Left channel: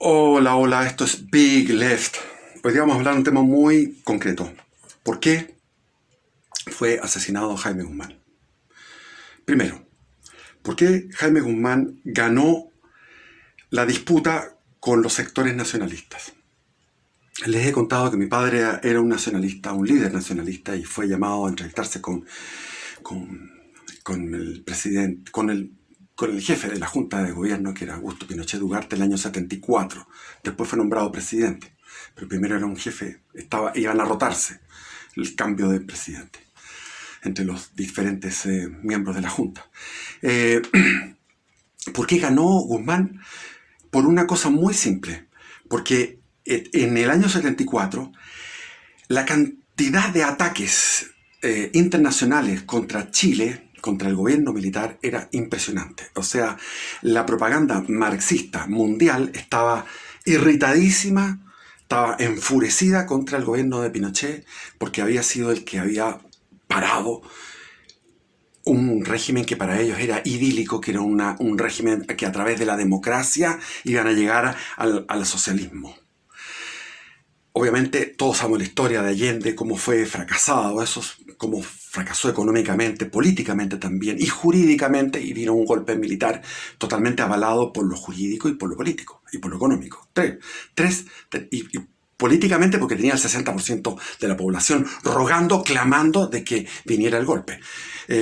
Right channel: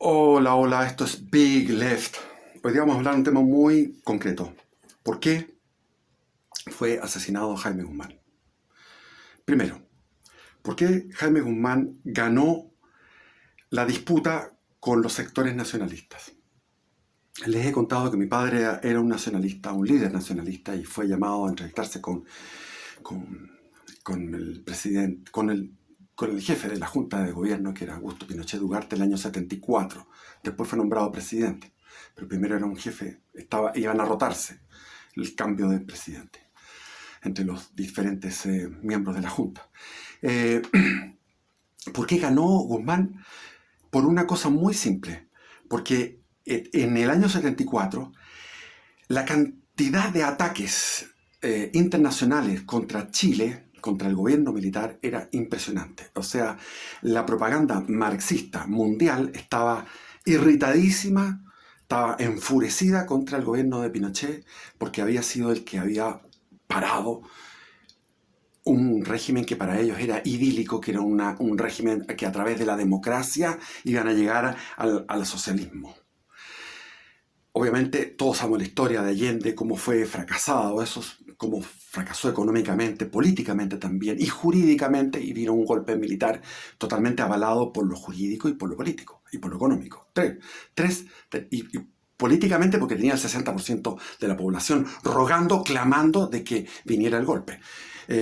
Hola, hola, esto es Big Left. Hoy día vamos a hablar de un tema muy concreto. ¿Por qué fue asesinado Jaime Guzmán? Primero, ¿por qué Jaime Guzmán ganó la disputa con los sectores nacionalistas? Les he contado que mi padre era un nacionalista, un líder nacionalista, y fue llamado a entrevistarse con, con el presidente, con el jefe de la Junta de Gobierno, que era Augusto Pinochet Ugarte, el año 74. Después fue nombrado presidente, pero primero era un jefe, iban a rotarse el cambio de presidente entre los diferentes miembros de la Junta. Eh, ¿Por qué ganó Guzmán? Por una cosa muy simple, porque en el año 74 la cantidad de ataques internacionales contra Chile, contra el gobierno militar, era impresionante. O sea, la propaganda marxista mundial estaba irritadísima, estaba enfurecida contra el gobierno de Pinochet porque había sido el que había parado un régimen que para ellos era idílico, que era un régimen que a través de la democracia iban a llegar al socialismo. Obviamente todos sabemos la historia de Allende, cómo fue fracasado, cómo fracasó económicamente, políticamente también, y jurídicamente, y vino un golpe militar totalmente avalado por lo jurídico y por lo político, y por lo económico. Y políticamente porque tenía el 60% de la población rogando, clamando de que viniera el golpe.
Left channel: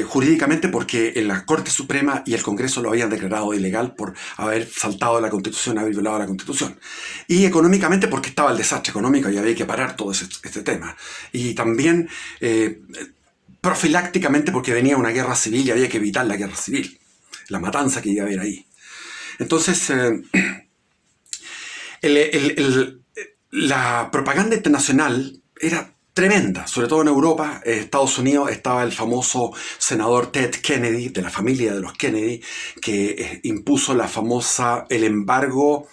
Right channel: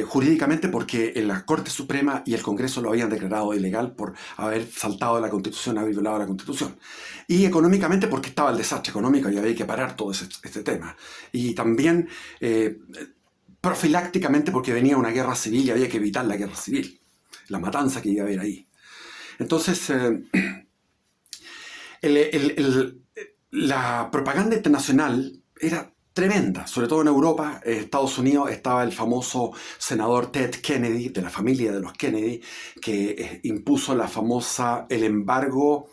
Jurídicamente porque en la Corte Suprema y el Congreso lo habían declarado ilegal por haber saltado la Constitución, haber violado la Constitución. Y económicamente porque estaba el desastre económico y había que parar todo este tema. Y también profilácticamente porque venía una guerra civil y había que evitar la guerra civil, la matanza que iba a haber ahí. Entonces, el, el, el, la propaganda internacional era tremenda, sobre todo en Europa. En Estados Unidos estaba el famoso senador Ted Kennedy, de la familia de los Kennedy, que impuso el embargo,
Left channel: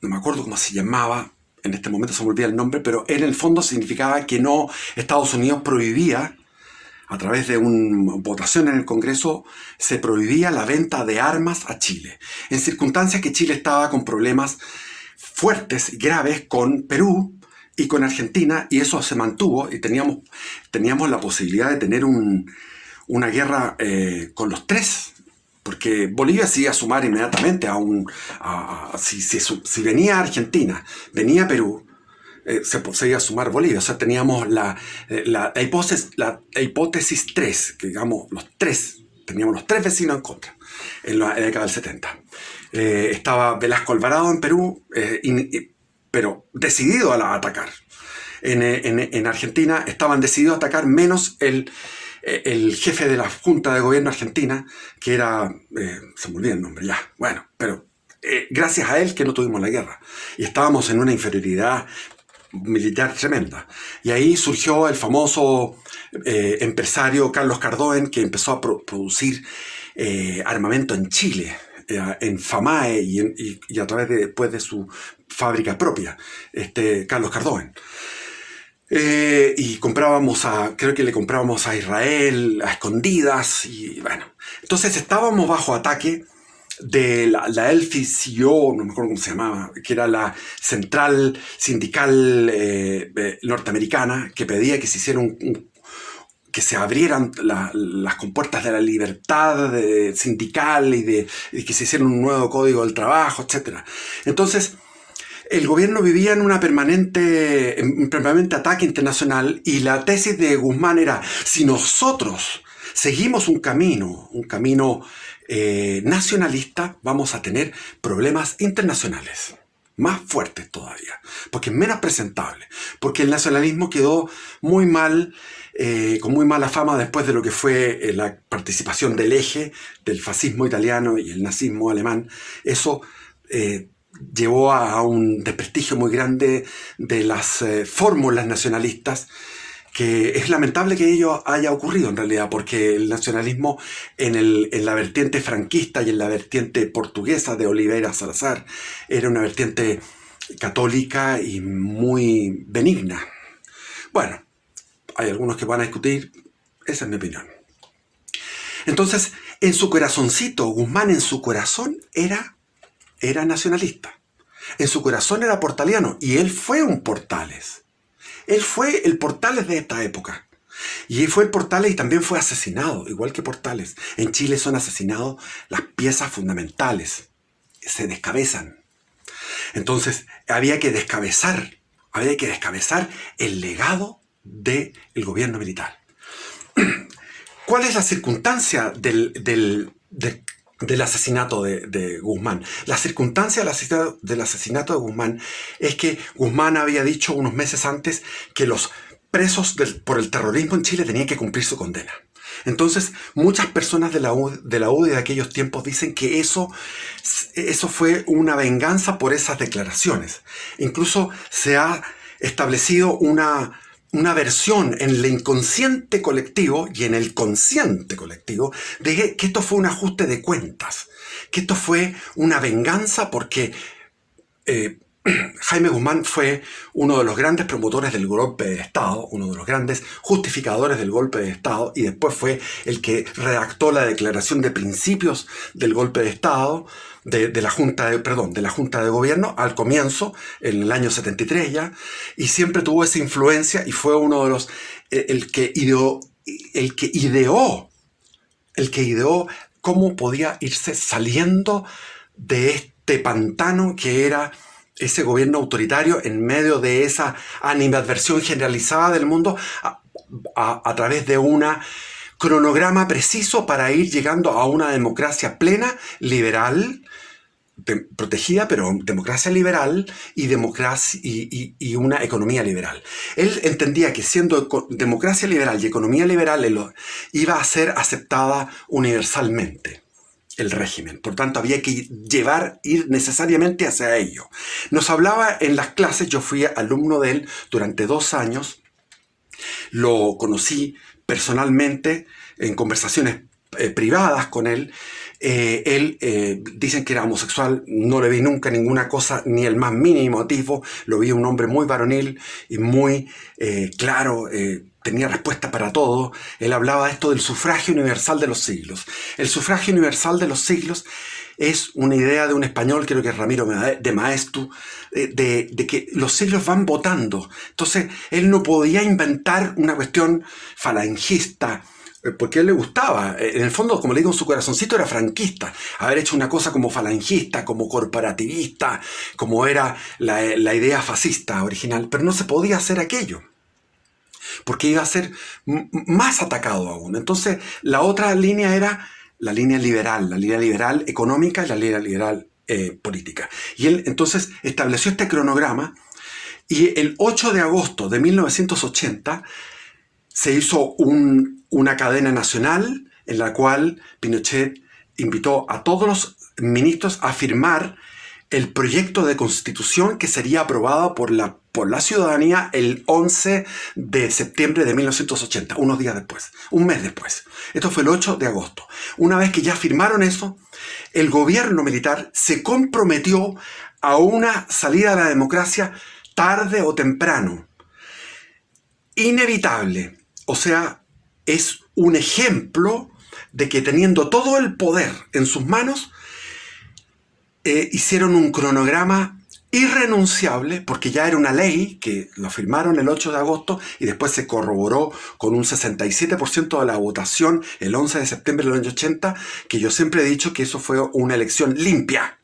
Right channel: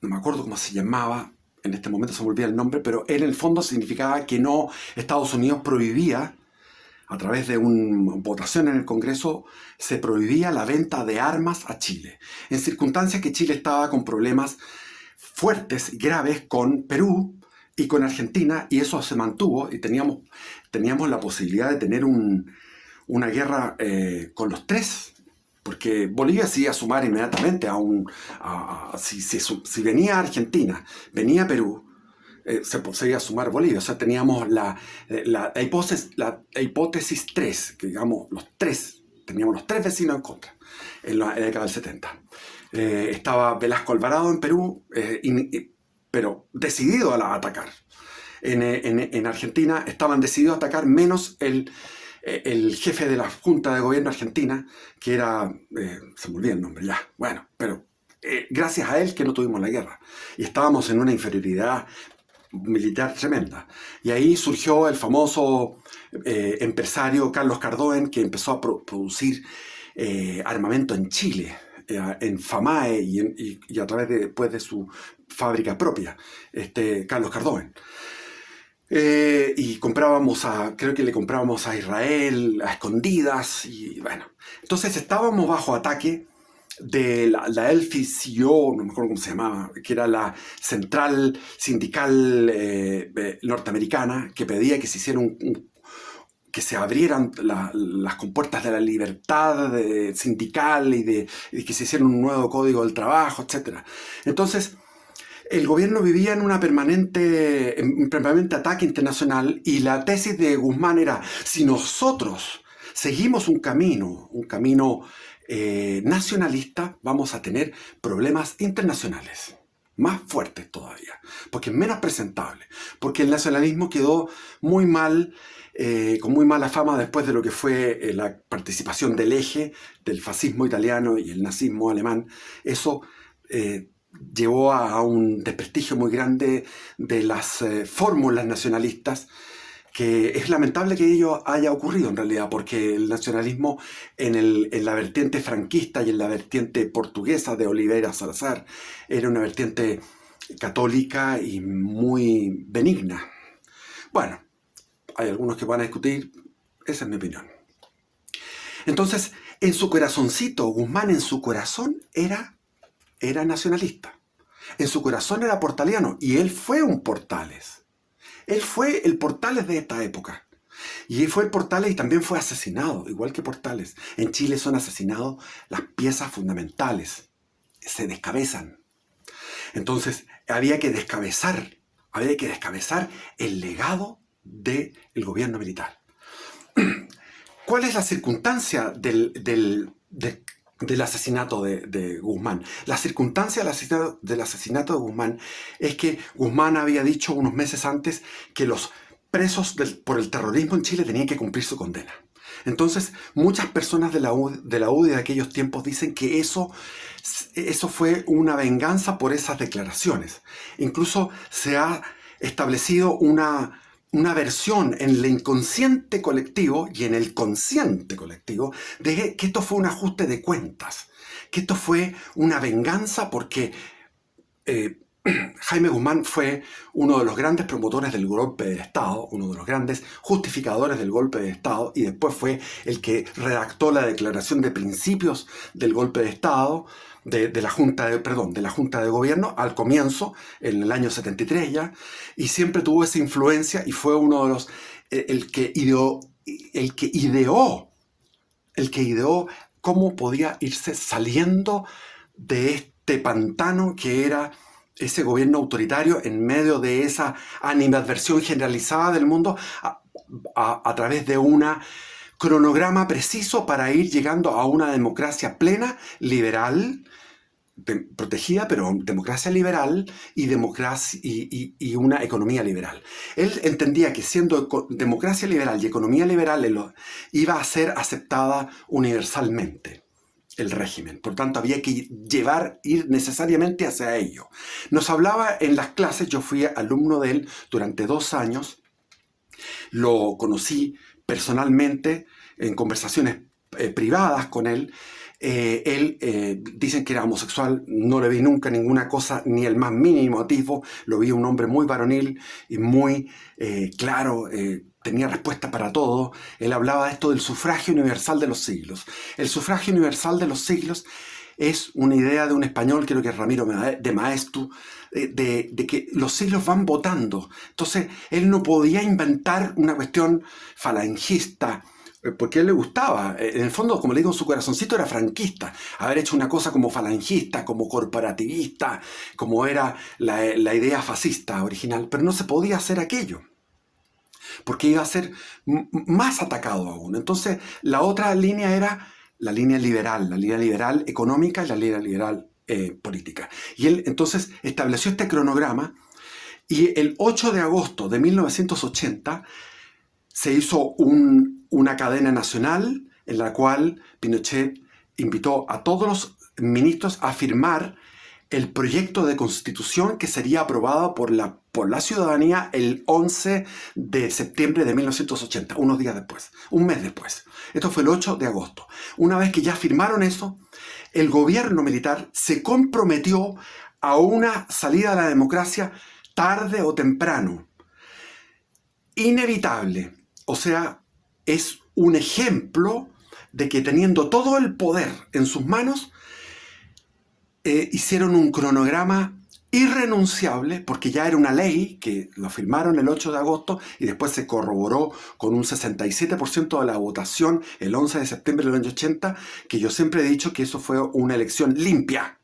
no me acuerdo cómo se llamaba, en este momento se me olvida el nombre, pero en el fondo significaba que no, Estados Unidos prohibía, a través de una votación en el Congreso, se prohibía la venta de armas a Chile, en circunstancias que Chile estaba con problemas fuertes y graves con Perú y con Argentina, y eso se mantuvo, y teníamos la posibilidad de tener una guerra con los tres, porque Bolivia se iba a sumar inmediatamente si venía Argentina, venía Perú, se iba a sumar Bolivia. O sea, teníamos la hipótesis 3, que digamos, teníamos los tres vecinos en contra en la década del 70. Estaba Velasco Alvarado en Perú, pero decidido a atacar. En Argentina estaban decididos a atacar menos el jefe de la Junta de Gobierno argentina, que era, se me olvida el nombre ya, bueno, pero gracias a él que no tuvimos la guerra. Y estábamos en una inferioridad militar tremenda. Y ahí surgió el famoso empresario Carlos Cardoen, que empezó a producir armamento en Chile, en FAMAE y a través después de su fábrica propia, Carlos Cardoen. Y creo que le comprábamos a Israel a escondidas, y bueno. Entonces estábamos bajo ataque de la LFCO, no me acuerdo cómo se llamaba, que era la central sindical norteamericana, que pedía que se hiciera que se abrieran las compuertas de la libertad sindical y que se hiciera un nuevo código del trabajo, etc. Entonces, el gobierno vivía en un permanente ataque internacional, y la tesis de Guzmán era: si nosotros seguimos un camino nacionalista, vamos a tener problemas internacionales más fuertes todavía, porque es menos presentable, porque el nacionalismo quedó muy mal, con muy mala fama después de lo que fue la participación del eje del fascismo italiano y el nazismo alemán. Eso llevó a un desprestigio muy grande de las fórmulas nacionalistas, que es lamentable que ello haya ocurrido en realidad, porque el nacionalismo en la vertiente franquista y en la vertiente portuguesa de Oliveira Salazar era una vertiente católica y muy benigna. Bueno, hay algunos que van a discutir, esa es mi opinión. Entonces, en su corazoncito, Guzmán en su corazón era nacionalista. En su corazón era portaliano y él fue un Portales. Él fue el Portales de esta época. Y fue el Portales y también fue asesinado, igual que Portales. En Chile son asesinados las piezas fundamentales. Se descabezan. Entonces había que descabezar el legado del gobierno militar. ¿Cuál es la circunstancia del asesinato de Guzmán? La circunstancia del asesinato de Guzmán es que Guzmán había dicho unos meses antes que los presos por el terrorismo en Chile tenían que cumplir su condena. Entonces, muchas personas de la UDI de aquellos tiempos dicen que eso fue una venganza por esas declaraciones. Incluso se ha establecido una versión en el inconsciente colectivo y en el consciente colectivo de que esto fue un ajuste de cuentas, que esto fue una venganza porque Jaime Guzmán fue uno de los grandes promotores del golpe de Estado, uno de los grandes justificadores del golpe de Estado, y después fue el que redactó la declaración de principios del golpe de Estado, de la Junta de Gobierno al comienzo, en el año 73 ya, y siempre tuvo esa influencia y fue uno de los el que ideó cómo podía irse saliendo de este pantano que era ese gobierno autoritario en medio de esa animadversión generalizada del mundo a través de un cronograma preciso para ir llegando a una democracia plena, liberal, protegida, pero democracia liberal y una economía liberal. Él entendía que siendo democracia liberal y economía liberal iba a ser aceptada universalmente el régimen. Por tanto, había que ir necesariamente hacia ello. Nos hablaba en las clases, yo fui alumno de él durante 2 años, lo conocí personalmente en conversaciones privadas con él. Dicen que era homosexual, no le vi nunca ninguna cosa, ni el más mínimo atisbo. Lo vi un hombre muy varonil y muy claro, tenía respuesta para todo. Él hablaba de esto del sufragio universal de los siglos. El sufragio universal de los siglos es una idea de un español, creo que es Ramiro de Maeztu, de que los siglos van votando. Entonces, él no podía inventar una cuestión falangista, porque a él le gustaba. En el fondo, como le digo, en su corazoncito era franquista. Haber hecho una cosa como falangista, como corporativista, como era la idea fascista original. Pero no se podía hacer aquello, porque iba a ser más atacado aún. Entonces, la otra línea era la línea liberal económica y la línea liberal política. Y él entonces estableció este cronograma y el 8 de agosto de 1980 se hizo una cadena nacional en la cual Pinochet invitó a todos los ministros a firmar el proyecto de constitución que sería aprobado por la ciudadanía el 11 de septiembre de 1980, unos días después, un mes después. Esto fue el 8 de agosto. Una vez que ya firmaron eso, el gobierno militar se comprometió a una salida a la democracia tarde o temprano. Inevitable. O sea, es un ejemplo de que teniendo todo el poder en sus manos, hicieron un cronograma irrenunciable, porque ya era una ley que lo firmaron el 8 de agosto y después se corroboró con un 67% de la votación el 11 de septiembre del año 80, que yo siempre he dicho que eso fue una elección limpia.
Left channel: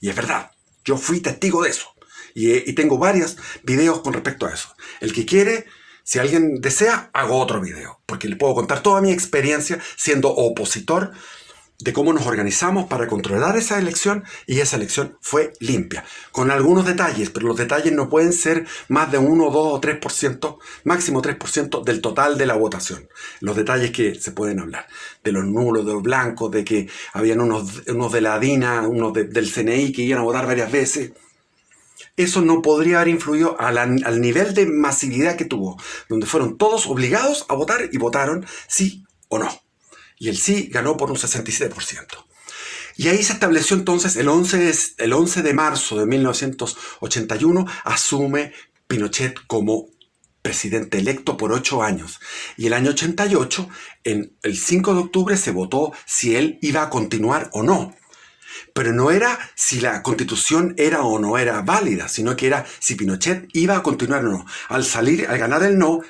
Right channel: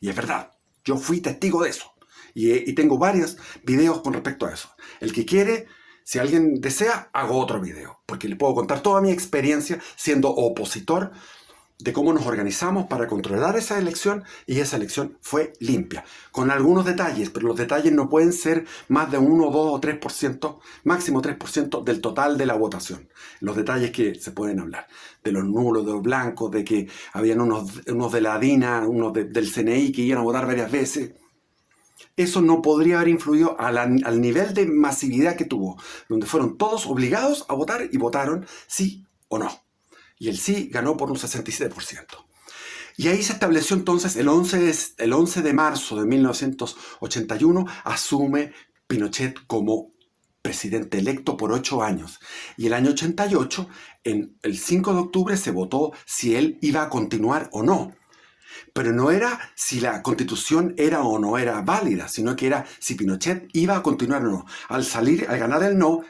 Y es verdad, yo fui testigo de eso. Y tengo varios videos con respecto a eso. El que quiere, si alguien desea, hago otro video, porque le puedo contar toda mi experiencia siendo opositor de cómo nos organizamos para controlar esa elección, y esa elección fue limpia, con algunos detalles, pero los detalles no pueden ser más de 1, 2 o 3%, máximo 3% del total de la votación. Los detalles que se pueden hablar, de los nulos, de los blancos, de que habían unos de la DINA, unos del CNI que iban a votar varias veces. Eso no podría haber influido al nivel de masividad que tuvo, donde fueron todos obligados a votar y votaron sí o no. Y el sí ganó por un 67%. Y ahí se estableció entonces el 11 de marzo de 1981, asume Pinochet como presidente electo por 8 años. Y el año 88, el 5 de octubre, se votó si él iba a continuar o no. Pero no era si la constitución era o no era válida, sino que era si Pinochet iba a continuar o no. Al ganar el no,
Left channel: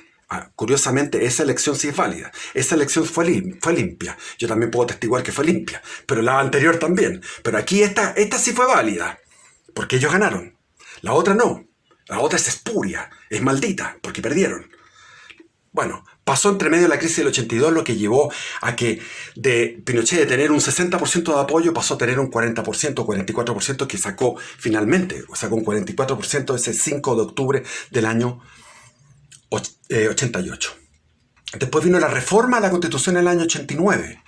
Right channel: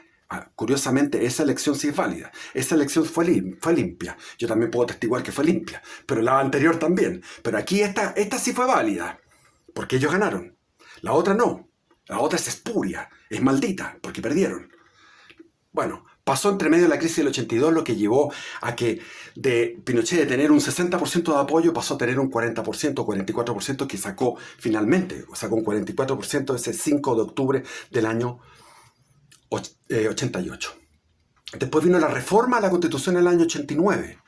curiosamente, esa elección sí es válida. Esa elección fue limpia. Yo también puedo atestiguar que fue limpia, pero la anterior también. Pero aquí esta sí fue válida, porque ellos ganaron. La otra no. La otra es espuria, es maldita, porque perdieron. Bueno, pasó entre medio de la crisis del 82, lo que llevó a que de Pinochet de tener un 60% de apoyo pasó a tener un 40% o 44% que sacó finalmente. Sacó un 44% ese 5 de octubre del año 88. Después vino la reforma a la Constitución en el año 89.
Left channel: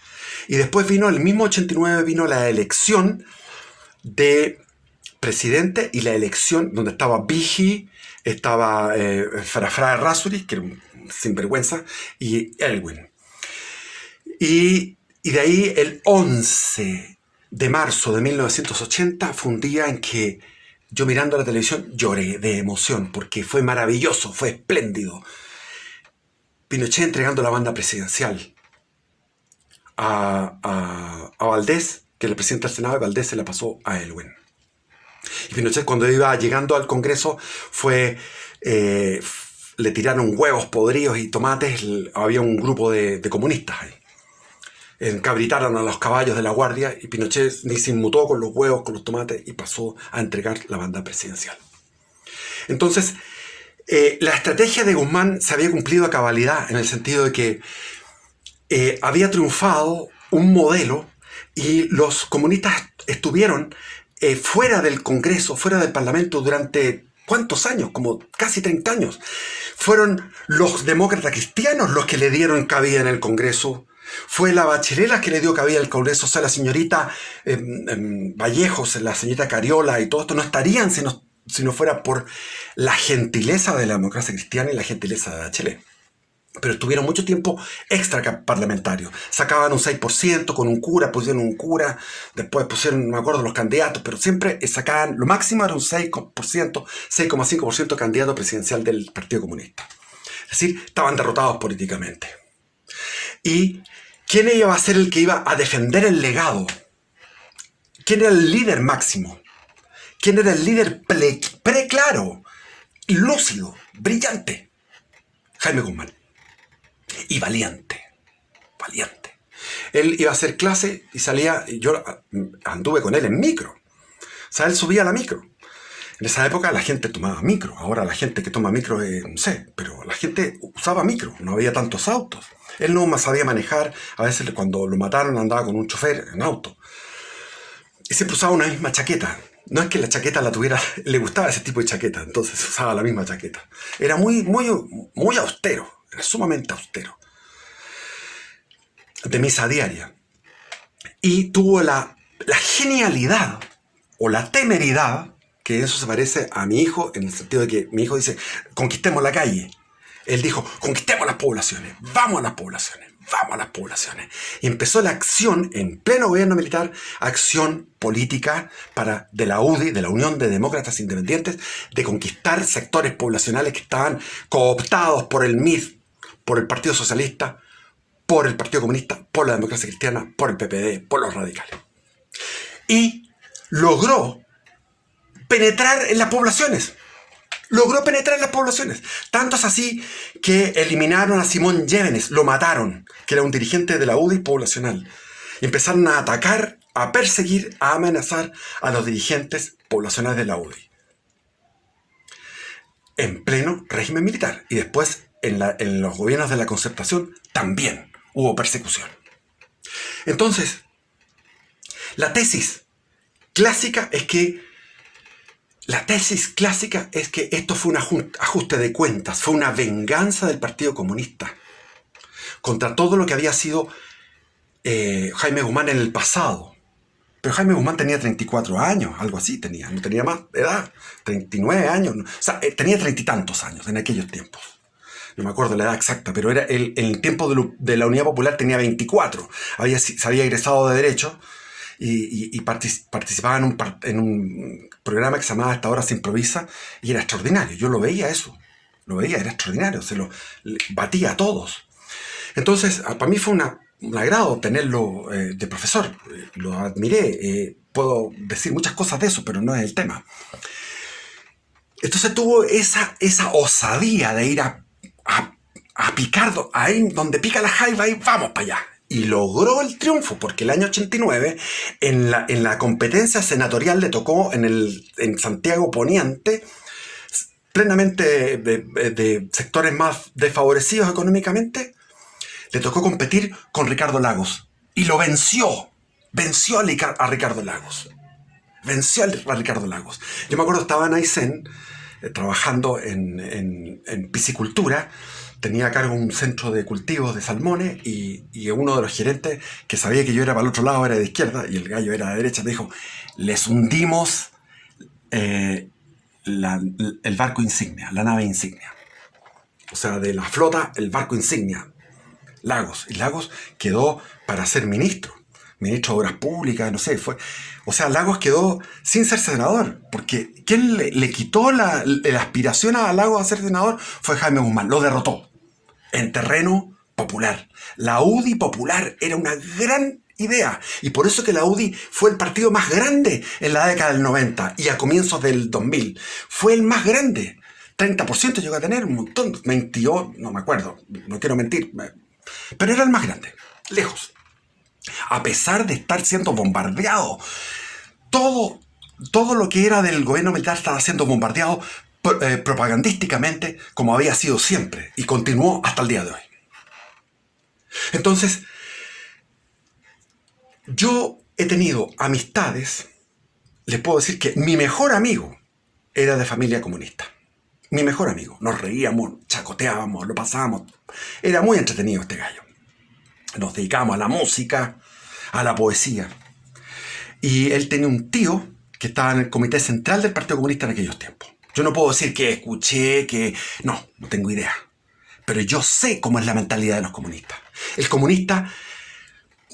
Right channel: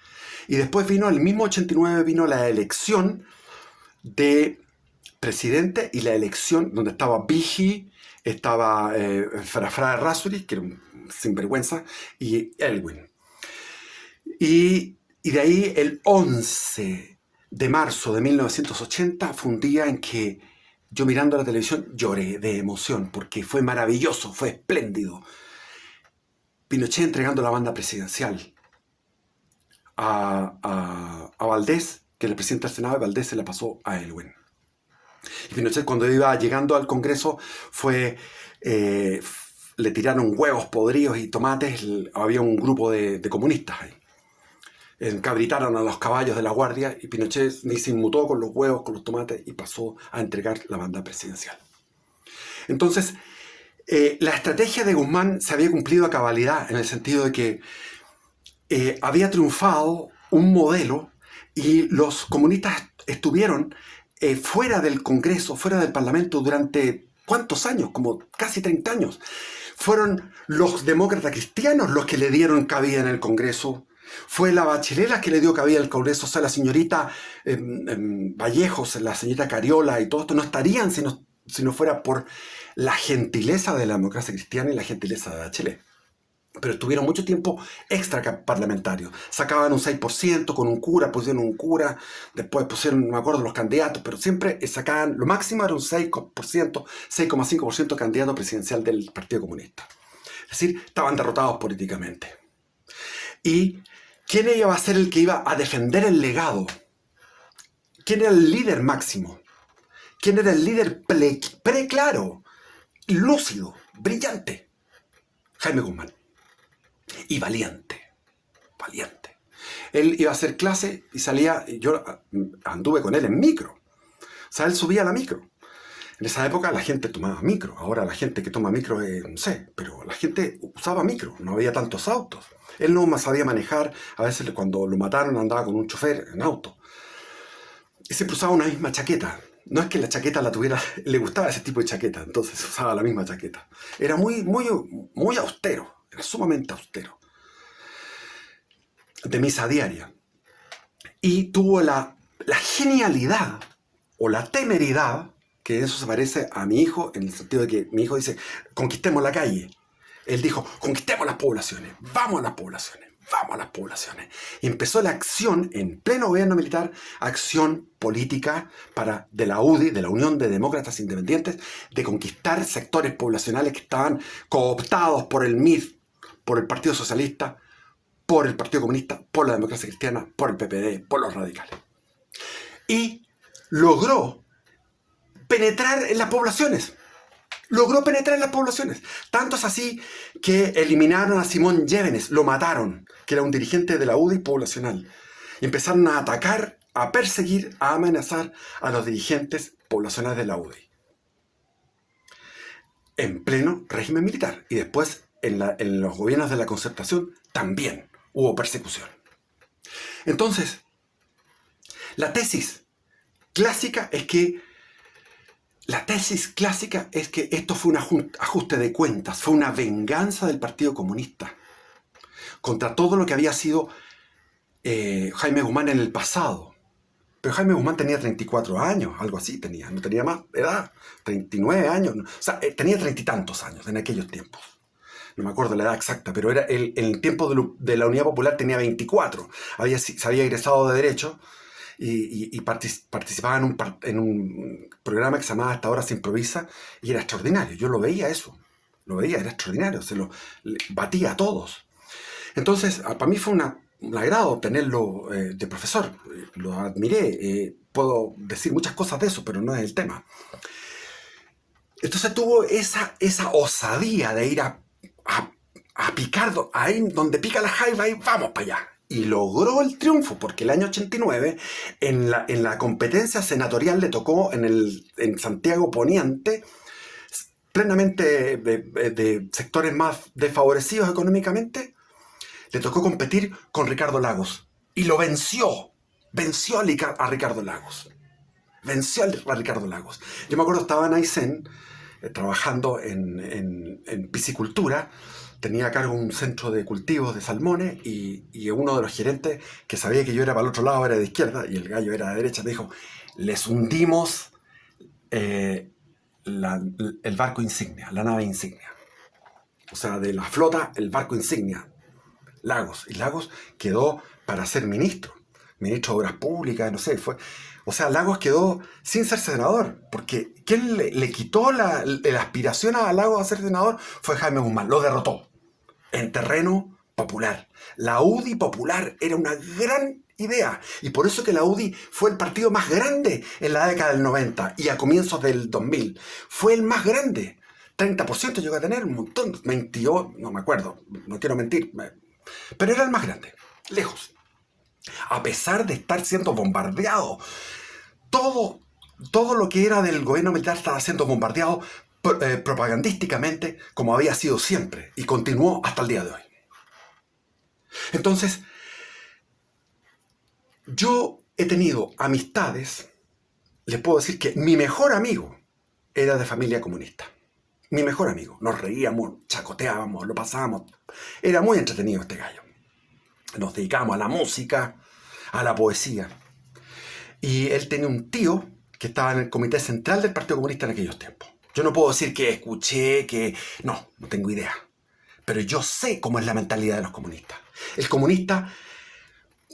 Y después vino, el mismo 89, vino la elección de presidente y la elección donde estaba Vigi, estaba Farafra Errázuriz, que era un sinvergüenza, y Elwin. Y de ahí el 11 de marzo de 1980 fue un día en que yo mirando la televisión lloré de emoción, porque fue maravilloso, fue espléndido. Pinochet entregando la banda presidencial a Valdés, que era el presidente del Senado, y Valdés se la pasó a Elwin. Y Pinochet, cuando iba llegando al Congreso, le tiraron huevos podridos y tomates. Había un grupo de comunistas ahí. Encabritaron a los caballos de la guardia y Pinochet ni se inmutó con los huevos, con los tomates, y pasó a entregar la banda presidencial. Entonces, la estrategia de Guzmán se había cumplido a cabalidad, en el sentido de que había triunfado un modelo y los comunistas estuvieron fuera del Congreso, fuera del Parlamento durante ¿cuántos años? Como casi 30 años. Fueron los demócratas cristianos los que le dieron cabida en el Congreso. Fue la Bachelet la que le dio cabida al Congreso. O sea, la señorita Vallejos, la señorita Cariola y todo esto no estarían si no fuera por la gentileza de la democracia cristiana y la gentileza de Bachelet. Pero estuvieron mucho tiempo extra parlamentarios. Sacaban un 6% con un cura, pusieron un cura, después pusieron, no me acuerdo los candidatos, pero siempre sacaban, lo máximo era un 6%, 6,5% candidato presidencial del Partido Comunista. Es decir, estaban derrotados políticamente. ¿Y quién iba a ser el que iba a defender el legado? ¿Quién era el líder máximo? ¿Quién era el líder preclaro, lúcido, brillante? Jaime Guzmán. Y valiente. Él iba a hacer clase y salía, y yo anduve con él en micro. O sea, él subía a la micro. En esa época la gente tomaba micro. Ahora la gente que toma micro, no sé, pero la gente usaba micro. No había tantos autos. Él no sabía manejar. A veces cuando lo mataron andaba con un chofer en auto. Y siempre usaba una misma chaqueta. No es que la chaqueta la tuviera, le gustaba ese tipo de chaqueta, entonces usaba la misma chaqueta. Era muy austero. Era sumamente austero. De misa diaria. Y tuvo la genialidad o la temeridad, que eso se parece a mi hijo, en el sentido de que mi hijo dice, conquistemos la calle. Él dijo, conquistemos las poblaciones, vamos a las poblaciones. Y empezó la acción, en pleno gobierno militar, acción política de la UDI, de la Unión de Demócratas Independientes, de conquistar sectores poblacionales que estaban cooptados por el MID, por el Partido Socialista, por el Partido Comunista, por la Democracia Cristiana, por el PPD, por los radicales. Y logró penetrar en las poblaciones. Tanto es así que eliminaron a Simón Llévenes, lo mataron, que era un dirigente de la UDI poblacional. Y empezaron a atacar, a perseguir, a amenazar a los dirigentes poblacionales de la UDI. En pleno régimen militar. Y después, en los gobiernos de la Concertación, también hubo persecución. Entonces, la tesis clásica es que esto fue un ajuste de cuentas, fue una venganza del Partido Comunista contra todo lo que había sido Jaime Guzmán en el pasado. Pero Jaime Guzmán tenía 34 años, algo así tenía, no tenía más edad, 39 años, o sea, tenía 30 y tantos años en aquellos tiempos. No me acuerdo la edad exacta, pero era en el tiempo de la Unidad Popular tenía 24, se había egresado de Derecho y participaba en un programa que se llamaba Hasta ahora se improvisa, y era extraordinario. Yo lo veía eso, era extraordinario, batía a todos. Entonces, para mí fue un agrado tenerlo de profesor, lo admiré, puedo decir muchas cosas de eso, pero no es el tema. Entonces tuvo esa osadía de ir a picar, ahí donde pica la jaiba y vamos para allá. Y logró el triunfo, porque el año 89, en la competencia senatorial le tocó en Santiago Poniente, plenamente de sectores más desfavorecidos económicamente, le tocó competir con Ricardo Lagos. Y lo venció. Venció a Ricardo Lagos. Venció a Ricardo Lagos. Yo me acuerdo, estaba en Aysén, trabajando en piscicultura. Tenía a cargo un centro de cultivos de salmones y uno de los gerentes, que sabía que yo era para el otro lado, era de izquierda y el gallo era de derecha, me dijo: les hundimos el barco insignia, la nave insignia. O sea, de la flota, el barco insignia, Lagos. Y Lagos quedó para ser ministro de Obras Públicas, no sé, fue. O sea, Lagos quedó sin ser senador, porque quien le quitó la aspiración a Lagos a ser senador fue Jaime Guzmán, lo derrotó en terreno popular. La UDI popular era una gran idea, y por eso que la UDI fue el partido más grande en la década del 90 y a comienzos del 2000. Fue el más grande. 30% llegó a tener, un montón, 28, no me acuerdo, no quiero mentir, pero era el más grande, lejos. A pesar de estar siendo bombardeado, todo lo que era del gobierno militar estaba siendo bombardeado propagandísticamente, como había sido siempre, y continuó hasta el día de hoy. Entonces, yo he tenido amistades, les puedo decir que mi mejor amigo era de familia comunista. Mi mejor amigo. Nos reíamos, chacoteábamos, lo pasábamos. Era muy entretenido este gallo. Nos dedicábamos a la música, a la poesía. Y él tenía un tío que estaba en el comité central del Partido Comunista en aquellos tiempos. Yo no puedo decir que escuché, que... No tengo idea. Pero yo sé cómo es la mentalidad de los comunistas. El comunista...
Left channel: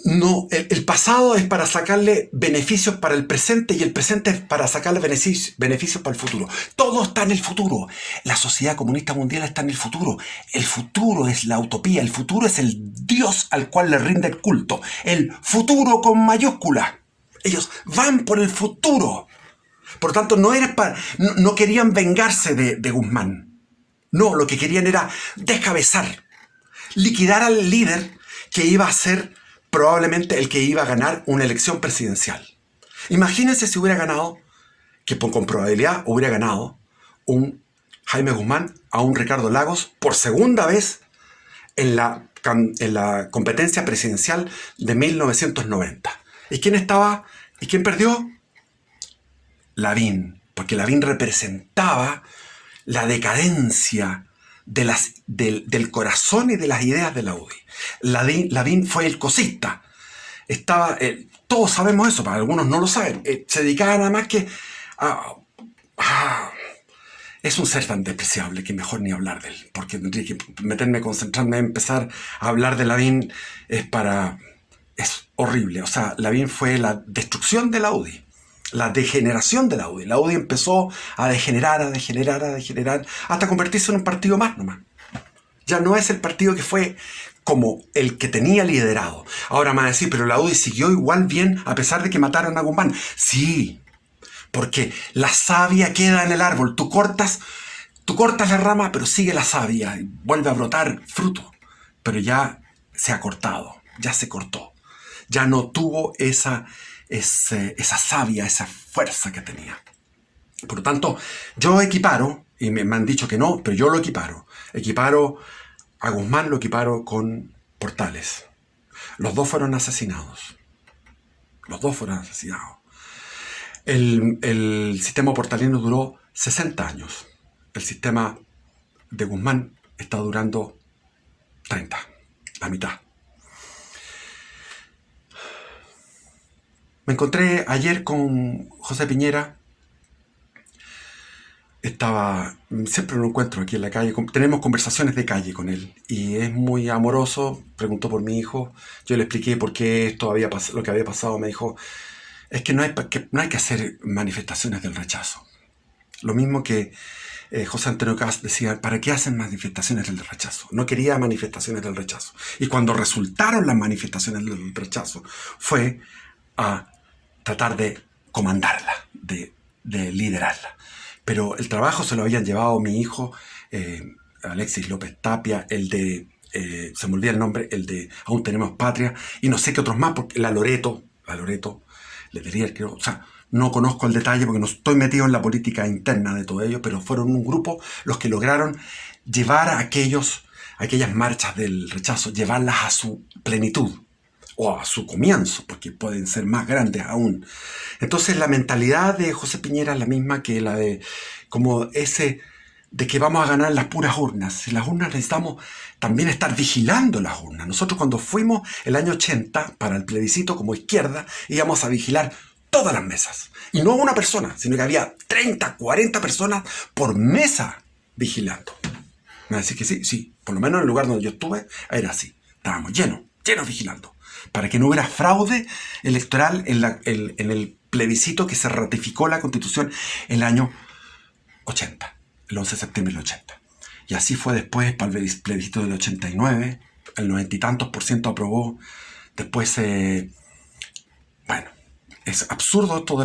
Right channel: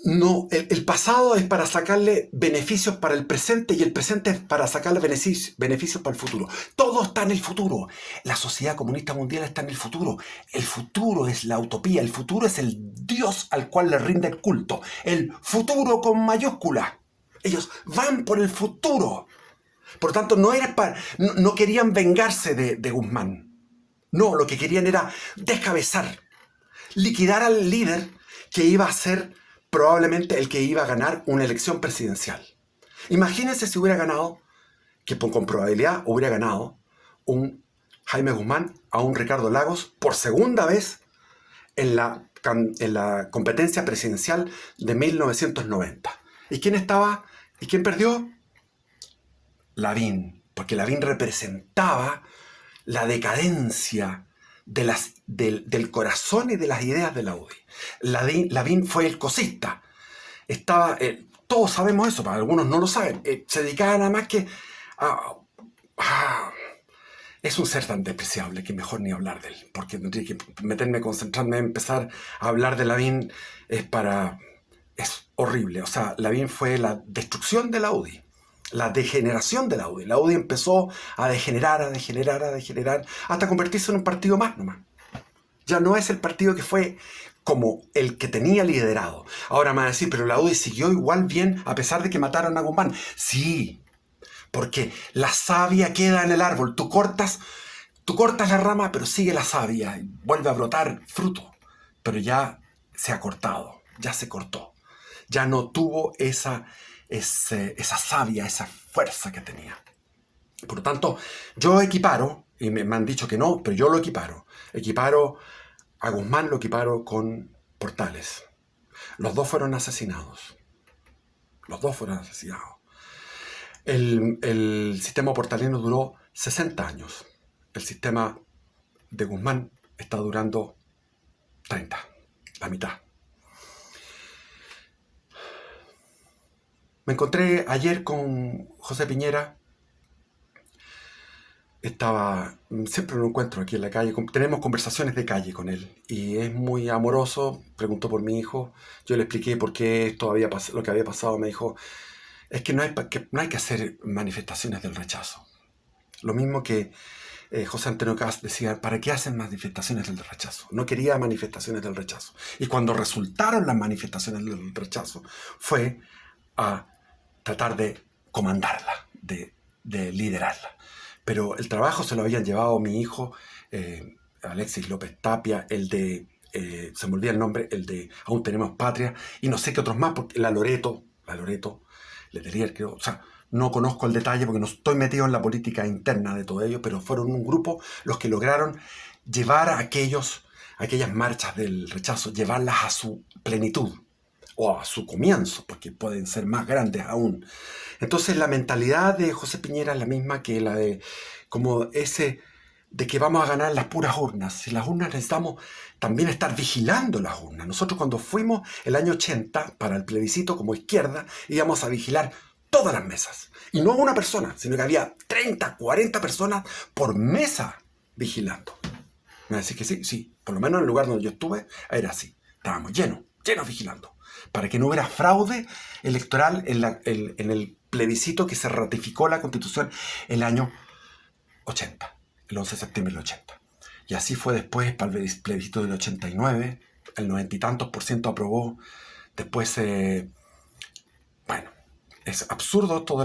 No, el pasado es para sacarle beneficios para el presente y el presente es para sacarle beneficios para el futuro. Todo está en el futuro. La sociedad comunista mundial está en el futuro. El futuro es la utopía. El futuro es el Dios al cual le rinde el culto. El futuro con mayúscula. Ellos van por el futuro. Por lo tanto, no querían vengarse de Guzmán. No, lo que querían era descabezar, liquidar al líder que iba a ser probablemente el que iba a ganar una elección presidencial. Imagínense si hubiera ganado, que con probabilidad hubiera ganado, un Jaime Guzmán a un Ricardo Lagos por segunda vez en la competencia presidencial de 1990. ¿Y quién estaba? ¿Y quién perdió? Lavín, porque Lavín representaba la decadencia del corazón y de las ideas de la UDI. Lavín fue el cosista. Todos sabemos eso, para algunos no lo saben. Se dedicaba nada más que es un ser tan despreciable que mejor ni hablar de él, porque tendría que concentrarme en empezar a hablar de Lavín. Es horrible. O sea, Lavín fue la destrucción de la UDI. La degeneración de la UDI. La UDI empezó a degenerar, hasta convertirse en un partido más nomás. Ya no es el partido que fue como el que tenía liderado. Ahora me van a decir, pero la UDI siguió igual bien a pesar de que mataran a Guzmán. Sí, porque la savia queda en el árbol. Tú cortas la rama, pero sigue la savia y vuelve a brotar fruto. Pero ya se ha cortado, ya se cortó. Ya no tuvo esa savia, esa fuerza que tenía. Por lo tanto, yo equiparo, y me han dicho que no, pero yo lo equiparo. Equiparo a Guzmán, lo equiparo con Portales. Los dos fueron asesinados. El sistema portalino duró 60 años. El sistema de Guzmán está durando 30, la mitad. Me encontré ayer con José Piñera. Siempre lo encuentro aquí en la calle. Tenemos conversaciones de calle con él. Y es muy amoroso. Preguntó por mi hijo. Yo le expliqué por qué lo que había pasado. Me dijo, es que no hay que hacer manifestaciones del rechazo. Lo mismo que José Antonio Cast decía, ¿para qué hacen manifestaciones del rechazo? No quería manifestaciones del rechazo. Y cuando resultaron las manifestaciones del rechazo, fue a tratar de comandarla, de liderarla. Pero el trabajo se lo habían llevado mi hijo, Alexis López Tapia, el de, se me olvida el nombre, el de Aún Tenemos Patria, y no sé qué otros más, porque la Loreto, Letelier, creo, o sea, no conozco el detalle porque no estoy metido en la política interna de todo ello, pero fueron un grupo los que lograron llevar a aquellas marchas del rechazo, llevarlas a su plenitud o a su comienzo, porque pueden ser más grandes aún. Entonces la mentalidad de José Piñera es la misma que la de como ese de que vamos a ganar las puras urnas. Si las urnas necesitamos también estar vigilando las urnas. Nosotros cuando fuimos el año 80 para el plebiscito como izquierda íbamos a vigilar todas las mesas. Y no una persona, sino que había 30, 40 personas por mesa vigilando. Me va a decir que sí. Por lo menos en el lugar donde yo estuve era así. Estábamos llenos vigilando. Para que no hubiera fraude electoral en el plebiscito que se ratificó la Constitución el año 80. El 11 de septiembre del 80. Y así fue después para el plebiscito del 89. El 90 y tantos % aprobó. Después, bueno, es absurdo todo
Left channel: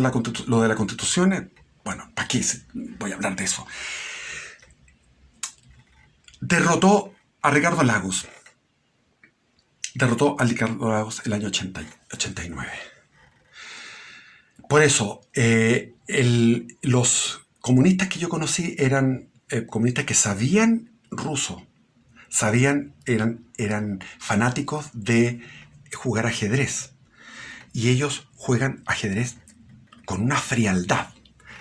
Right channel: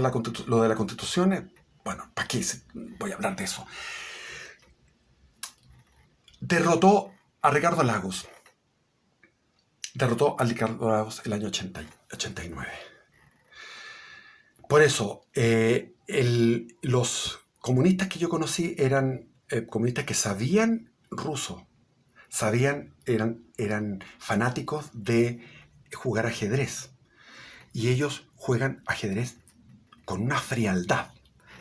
lo de la Constitución. Bueno, ¿para qué voy a hablar de eso? Derrotó a Ricardo Lagos. Derrotó a Ricardo Lagos el año 89. Por eso, los comunistas que yo conocí eran comunistas que sabían ruso, eran fanáticos de jugar ajedrez. Y ellos juegan ajedrez con una frialdad.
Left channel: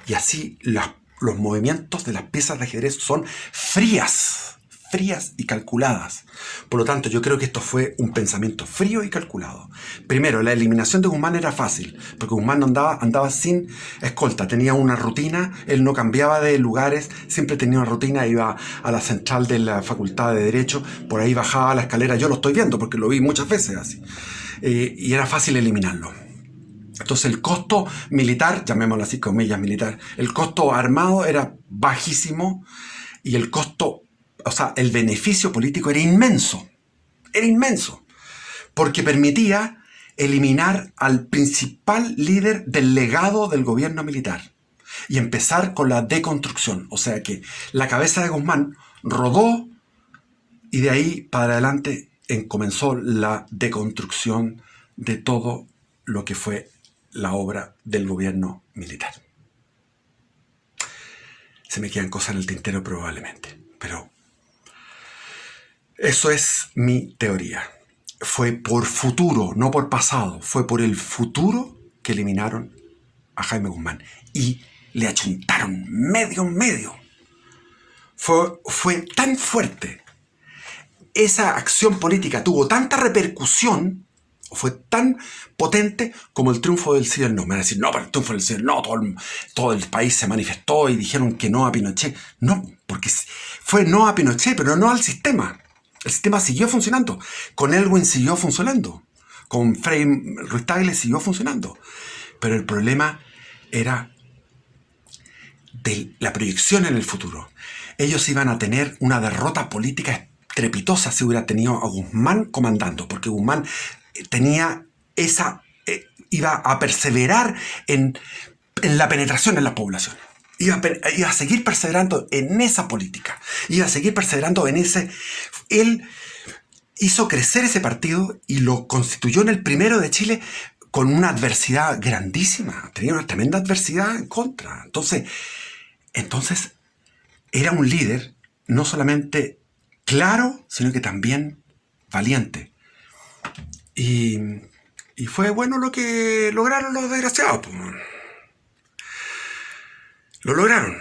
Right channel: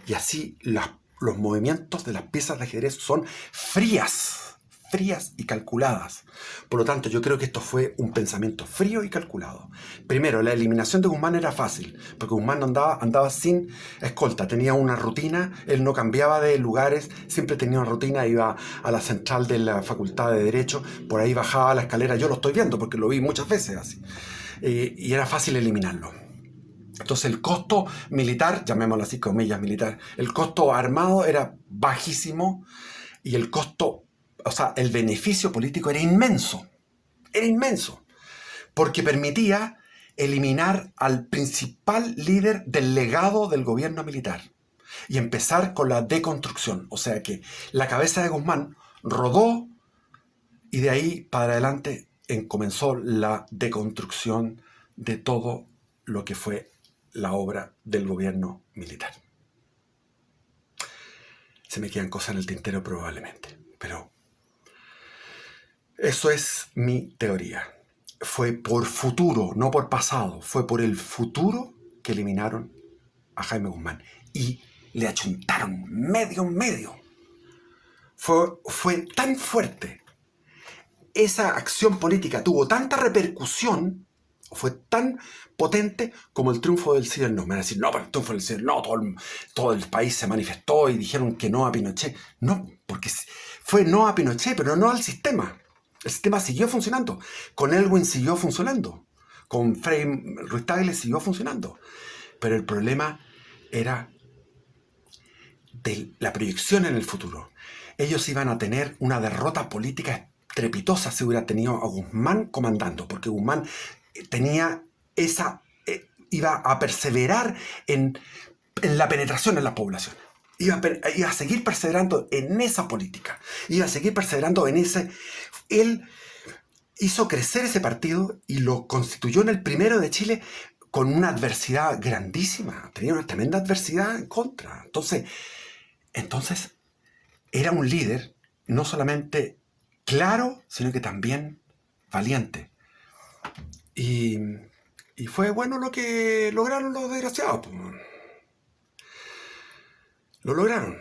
Y así los movimientos de las piezas de ajedrez son frías y calculadas. Por lo tanto, yo creo que esto fue un pensamiento frío y calculado. Primero, la eliminación de Guzmán era fácil, porque Guzmán andaba sin escolta, tenía una rutina, él no cambiaba de lugares, siempre tenía una rutina, iba a la central de la Facultad de Derecho, por ahí bajaba la escalera, yo lo estoy viendo porque lo vi muchas veces así, y era fácil eliminarlo. Entonces el costo militar, llamémoslo así, comillas militar, el costo armado era bajísimo y el costo, o sea, el beneficio político era inmenso, porque permitía eliminar al principal líder del legado del gobierno militar y empezar con la deconstrucción, o sea que la cabeza de Guzmán rodó y de ahí para adelante comenzó la deconstrucción de todo lo que fue la obra del gobierno militar. Se me quedan cosas en el tintero probablemente, pero eso es mi teoría. Fue por futuro, no por pasado, fue por el futuro que eliminaron a Jaime Guzmán y le achuntaron medio. Fue tan fuerte, esa acción política tuvo tanta repercusión, fue tan potente como el triunfo del sí y el no. Me van a decir, no, pero el triunfo del sí y el no, todo el país se manifestó y dijeron que no a Pinochet. No, porque fue no a Pinochet, pero no al sistema. El sistema siguió funcionando. Con Elwin siguió funcionando. Con Frei Ruiz-Tagle siguió funcionando. Pero el problema era de la proyección en el futuro. Ellos iban a tener una derrota política estrepitosa si hubiera tenido a Guzmán comandando, porque Guzmán tenía iba a perseverar en la penetración en las poblaciones. Iba a seguir perseverando en esa política. Iba a seguir perseverando en ese. Él hizo crecer ese partido y lo constituyó en el primero de Chile con una adversidad grandísima. Tenía una tremenda adversidad en contra. Entonces era un líder no solamente claro, sino que también valiente. Y fue bueno lo que lograron los desgraciados. Lo lograron.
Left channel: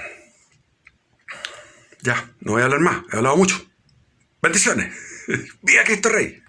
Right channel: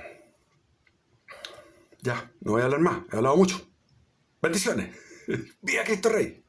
Ya, no voy a hablar más. He hablado mucho. Bendiciones. ¡Viva Cristo Rey!